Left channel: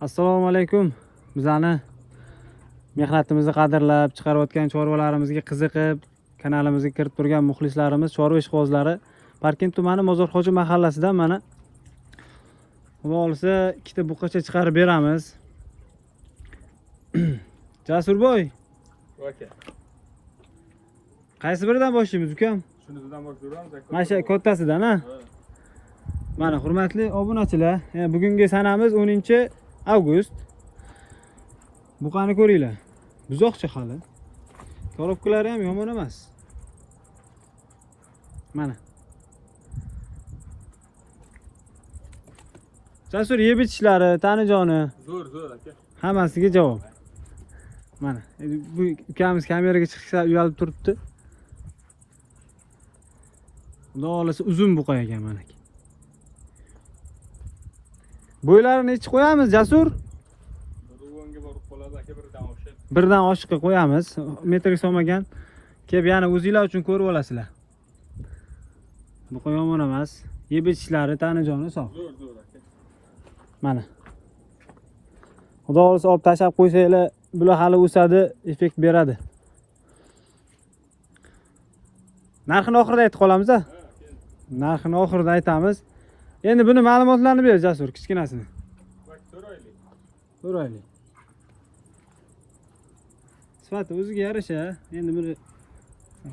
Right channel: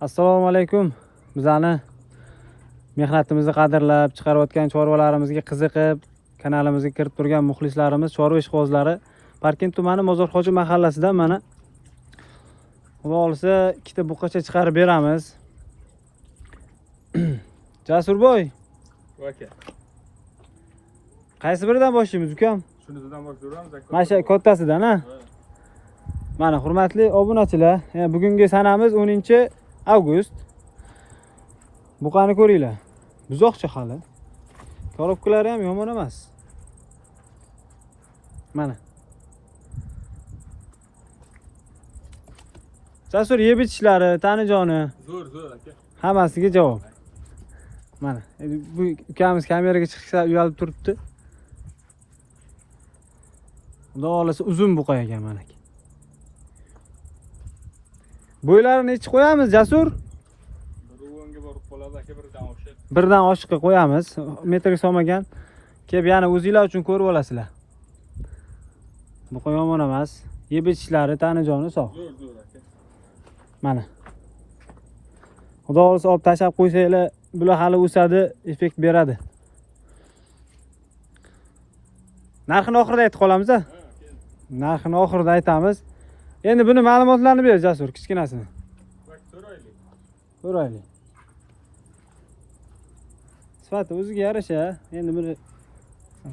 Assalomu alaykum. Bizani mehnatimizni qadrlab, chiqarayotgan chorvalarimizga qiziqib, kanalimizga kirib turgan muxlislarimiz, chorva ishqibozlari Parkent tumani Mozorxo'ja mahallasidan mana Xudo olsa ikkita buqacha chiqarib beramiz. Jasurboy. Aka. Qaysi biridan boshlaymiz, ukam? Shunisidan boshlaymiz. Mana shu kattasidan, ha? Mana hurmatli obunachilar, bugungi sanamiz 10-avgust. Buqani ko'ringlar. Buzoqcha hali. Korobkalari ham yomon emas. Mana. Jasur yeb ichishlari, tanijoni. Zo'r aka. Hammasiga javob. Mana, bu ukamiz kameraga chiqishga uyalib turibdi. Xudo olasa uzun buqa ekan mana. Bo'ylarini ichib qo'yamiz, Jasur. Ruvonga borib qoladi aka, birdan oshib. Birdan oshiqqa qo'yamiz. Metrga solmagan. Kelib yana o'zinglar uchun ko'rib olasizlar. Buqa yomon emas. Yeb ichishlari, tanijoni sog'. Zo'r aka. Mana. Xudo olsa olib tashlab qo'ysanglar, bular hali o'sadi, effekt beradi. Narxini oxirida aytib qolamiz-a? Narxini oxirida aytamiz. Endi buni ma'lumotlarini ber, Jasur, kichkinasini. So'raylik. Sifati o'ziga yarasha, endi buni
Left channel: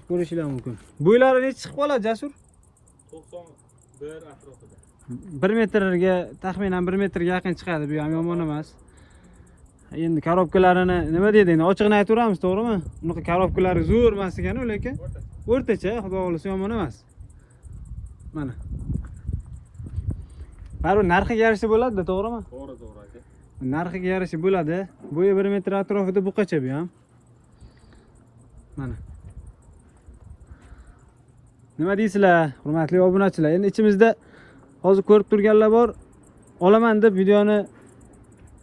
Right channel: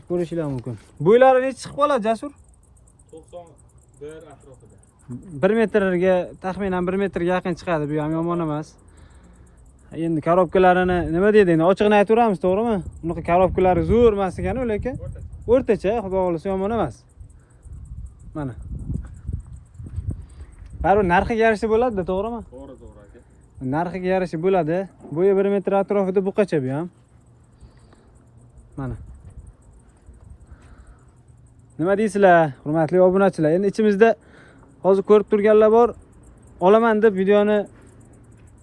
ko'rishinglar mumkin. Bo'ylari necha chiqib qoladi, Jasur? 91 atrofida. 1 metrga, taxminan 1 metrga yaqin chiqadi, bu ham yomon emas. Endi korobkalarini nima deydi, endi ochiqni aytaveramiz, to'g'rimi? Bunaqa korobkalari zo'r emas ekan, lekin o'rtacha, xudo xolisa yomon emas. Mana. Baribir narxiga yarasha bo'ladi-da, to'g'rimi? To'g'ri aka. Narxiga yarasha bo'ladi. Bo'yi 1 metr atrofida buqacha bu ham. Mana. Nima deysizlar, hurmatli obunachilar? Endi ichimizda hozir ko'rib turganlar bor, olaman deb videoni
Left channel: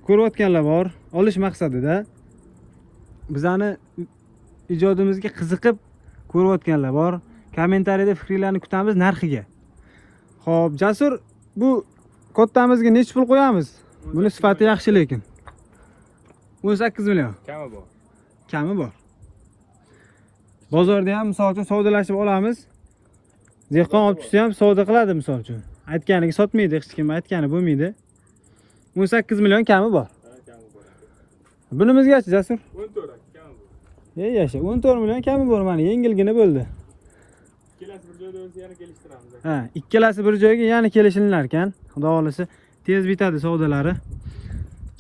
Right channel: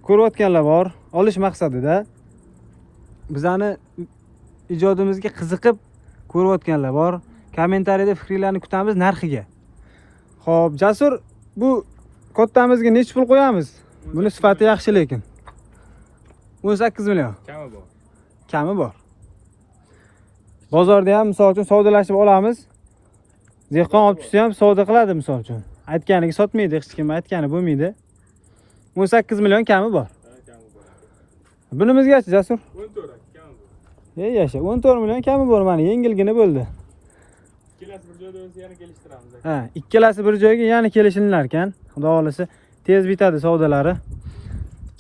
ko'rayotganlar bor, olish maqsadida. Bizani ijodimizga qiziqib ko'rayotganlar bor. Kommentariyada fikringizni kutamiz narxiga. Xo'p, Jasur, bu kottamizga necha pul qo'yamiz? Buni sifati yaxshi lekin. 18 million. Kami bor. Kami bor. Bozorda ham misol uchun savdolashib olamiz. Dehqon olib tushsa ham savdo qiladi misol uchun. Aytganiga sotmaydi, hech kim aytgani bo'lmaydi. 18 million kami bor. Bunimizgachi, Jasur? 14 kami bor. Yasha, 14 million kami bor, mana yengilgina bo'ldi. Ikkalasi bir joyda o'zi yana kelishtiramiz aka. Ha, ikkalasi bir joyga yana kelishinglar ekan. Xudo xolisa tez bitadi savdolari.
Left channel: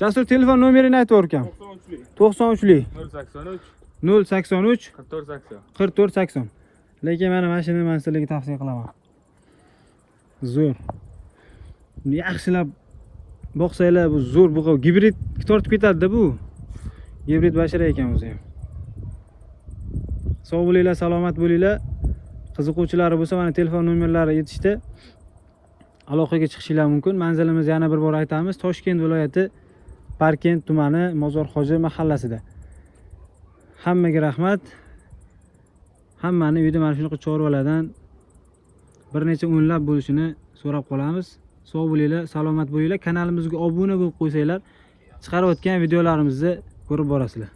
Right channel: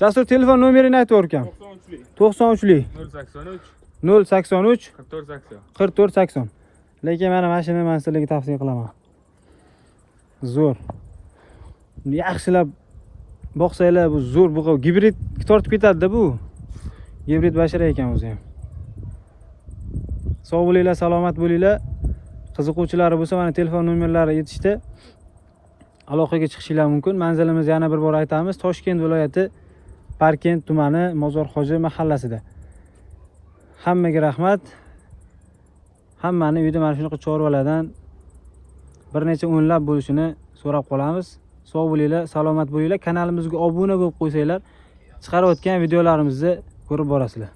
Jasur, telefon nomerini aytaver ekan. 93lik 083 44 80. Lekin mana mashinani men sizlarga tavsiya qilaman. Zo'r. Yaxshilab boqsanglar, bu zo'r buqa gibrid tortib ketadi-da bu. Gibrid bashara ekan o'zi ham. Sog' bo'linglar, salomat bo'linglar. Qiziquvchilari bo'lsa, mana telefon nomerlari yetishdi. Aloqaga chiqishinglar mumkin. Manzilimiz yana bir bor aytamiz. Toshkent viloyati Parkent tumani Mozorxo'ja mahallasida. Hammaga rahmat. Hammani uyda mana shunaqa chorvalardan bir necha o'nlab bo'lishini so'rab qolamiz. Sog' bo'linglar, salomat bo'linglar. Kanalimizga obuna bo'lib qo'ysanglar, chiqarayotgan videolarimizni ko'rib borasizlar.